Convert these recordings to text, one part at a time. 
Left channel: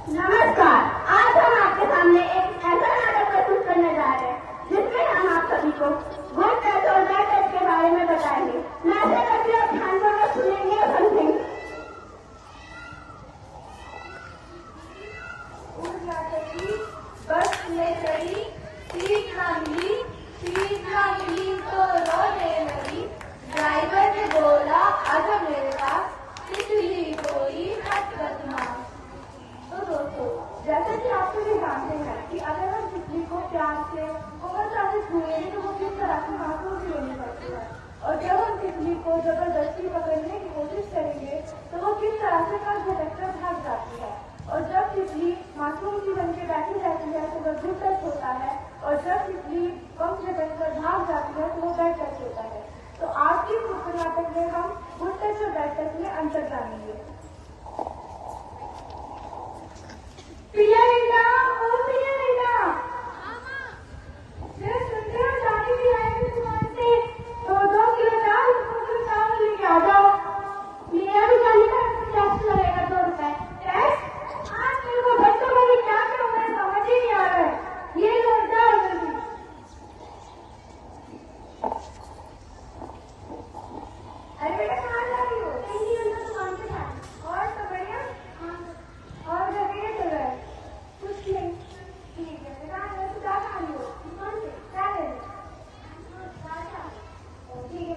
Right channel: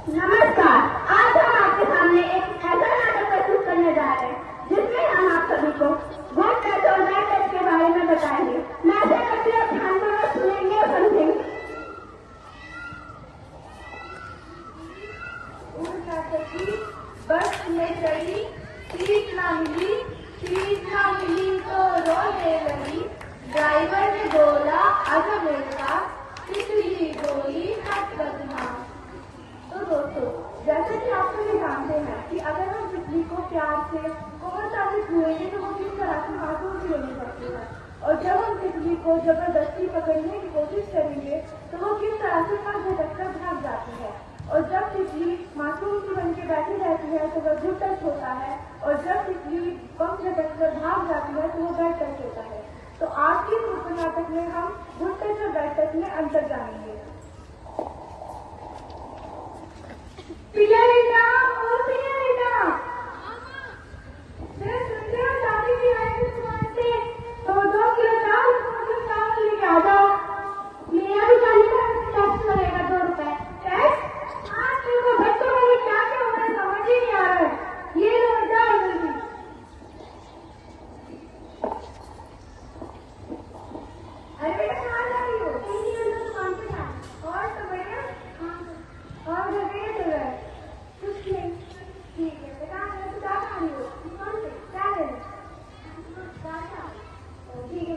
नमस्कार, आज हम आपके सामने एक ऐसा नाटक प्रस्तुत करने जा रहे हैं जिसमें हम आप सभी को गुड टच और बैड टच के बारे में बताएंगे। मैं आशा करती हूँ आप ध्यानपूर्वक सुनेंगे और समझेंगे। उस नाटक की बस में चढ़ी, सीट ना मिली तो रोने लगी। ड्राइवर ने बोला आजा मेरे पास, तितली बोली मत बदना। तो दोस्तों, जैसा कि आप सभी जानते हैं कि अगर हम तितली को प्यार से और छुएंगे तो वो किस तरह की मासूम सी होने लगती है, और जब हम तितली को जबरदस्ती पकड़ने की कोशिश करेंगे तो वो किस तरह से पंख झटक भाग जाती है। और जब तितली मासूम सी बन के बैठी रहती है तो वह गुड टच होता है, और जब तितली पंख झटक भाग जाती है तो वो बैड टच होता है। तो आज के इस नाटक में हम गुड टच और बैड टच में अंतर जानेंगे। पिया बेटा, ओ पिया बेटा, मैं सुनते हो दादी की आए थे दुकान से, तो 2 किलो चावल लेके आ जाओ। मेरा भी जाने का टैक्स लगेगा 2 रुपए। टैक्स? आज तुमको बच्चों का भी क्या क्या हो रहा है समझ ही नहीं आ रहा है। ये लो जाओ जल्दी। अरे बेटा कहाँ जा रही हो? दुकान पे है। और तो बढ़िया? और जगह तो गए कुछ नहीं। ठीक है बेटा, मैं तो जा रही हूँ दुकान पे। क्या ले लो? ठीक है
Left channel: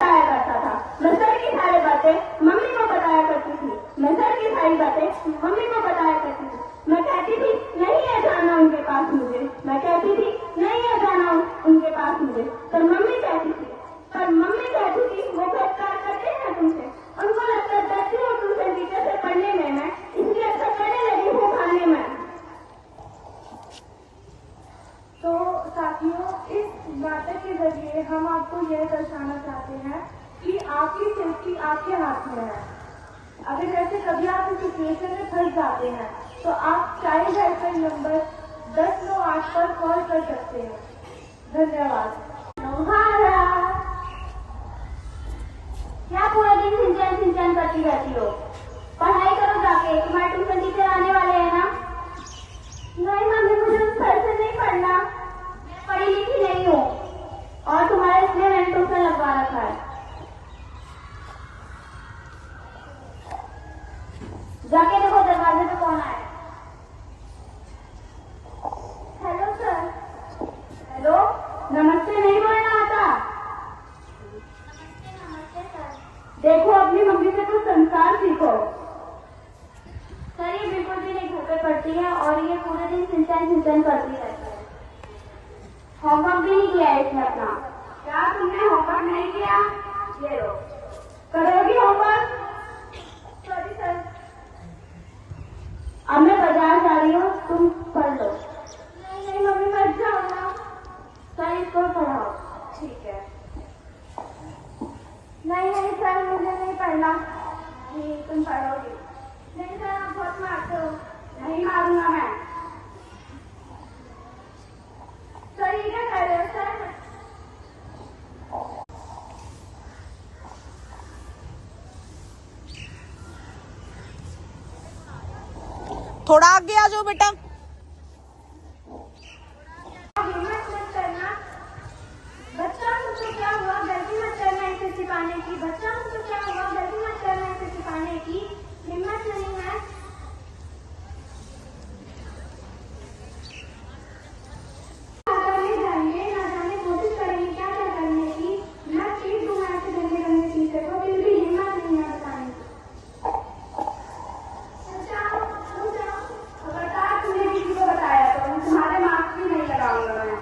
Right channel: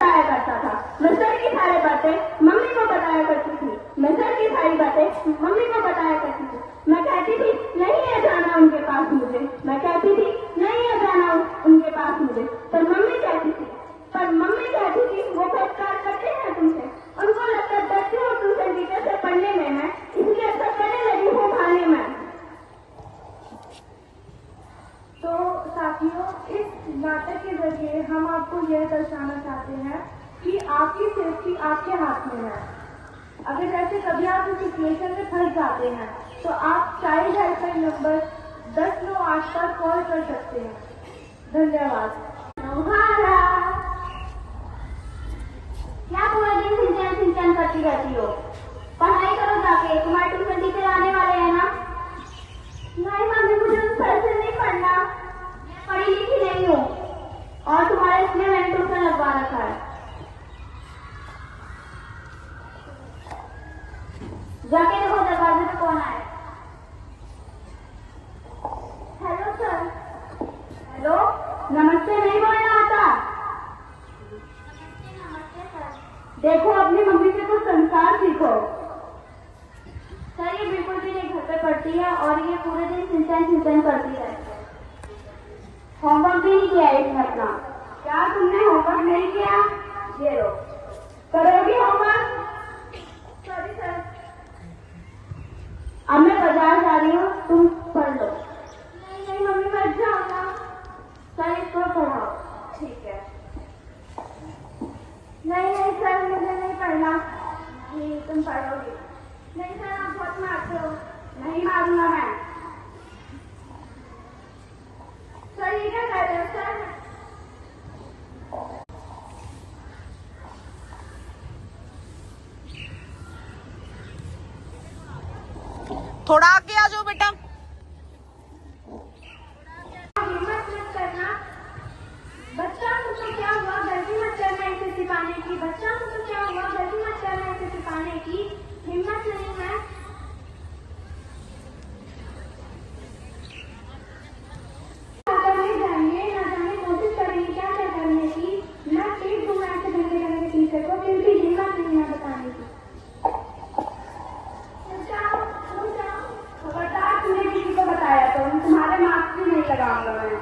करता था। मैं सर की सारी बातें मम्मी को बताया करती थी। मैं सर की सारी बातें मम्मी को बताया करती थी। मैं कहती थी नहीं है जाना उनके पास मुझे। मैं कहती थी नहीं है जाना उनके पास मुझे। पर मम्मी कहती थी वो तो प्यार करते हैं तुमसे। उनको लगता है डरती हूँ तुमसे टीचर से पढ़ने में, मैं इसलिए अच्छा करने लगी हूँ खाने में। तो साथियों, इस नाटक के जरिए हम आपको यह दर्शाना चाहते हैं कि आपकी सेफ्टी आपके हाथ में है। अगर जैसे कभी आप इस सिचुएशन में फंस जाते हैं तो आप चाइल्ड हेल्पलाइन नंबर 1098 पर कॉल कर सकते हैं। धन्यवाद। क्या पूरा दिन सिंचन करती रहती हो? पढ़ाई करो जाके, तुम्हारे ट्यूशन टीचर आने वाले हैं ना। नहीं मम्मी, मुझे उस सर से नहीं पढ़ना, पढ़ी लिखी नहीं हूँ। और तुम्हारे इसमें मैंने ट्यूशन लगवा रखा है। जाके देखो दरवाजे पे कौन आया। Hello sir. हेलो, नमस्ते नहीं बोलना आता? देखो अपनी मम्मी से कुछ संस्कार सीखो। सर ये बिल्कुल भी नहीं घर पे पढ़ती है और ये पूरे दिन सिंचन करती रहती है। होमवर्क भी नहीं किया है इसने अपना। क्या तुमने होमवर्क नहीं किया? ये लो, करोगी होमवर्क? Sorry sir. अब मैं बाजार जा रही हूँ, तुम पढ़ लो। नहीं मम्मी, मर जाऊंगा। सर इसको पढ़ाओ। ठीक है। नहीं सर, मुझे नहीं पढ़ना। नहीं तुम पढ़ोगे। नहीं सर, आप बहुत मारते हो। नहीं मारूंगा मैं। सर ये क्या कर रहे हो सर? थोड़ा आगे आ जाओ बेटा। हिम्मत मत करना। बच्चा मुझे क्या हुआ, गलती मत करना इसे सिखाने की। बच्चा मुझे क्या हुआ, गलती मत करना इसे सिखाने की। हिम्मत नहीं है। ना जाने कोशिश करेंगे क्या करने की। मैं पीठ घुमा के देखे रहेंगे टीचर को, फिर भी हिम्मत नहीं है बताने की। अगर तुमने किसी को बताया तो तुम्हारे मार्क्स भी नहीं लगाऊंगा मैं।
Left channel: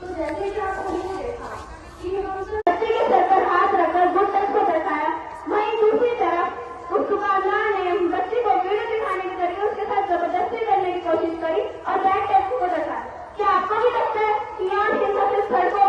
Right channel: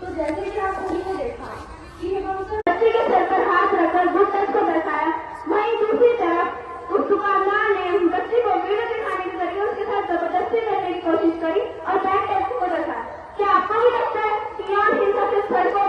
तो जैसे कि आप सभी ने देखा कि हम तो बच्चे के सर पर हाथ रखकर गुड टच को दर्शाया, वहीं दूसरी तरफ उस दुकानदार ने बच्चे को वीडियो दिखाने के जरिए उसके साथ जबरदस्ती करने की कोशिश करी और बैड टच को दर्शाया। क्या आपको भी लगता है कि यहाँ इन सबसे सर को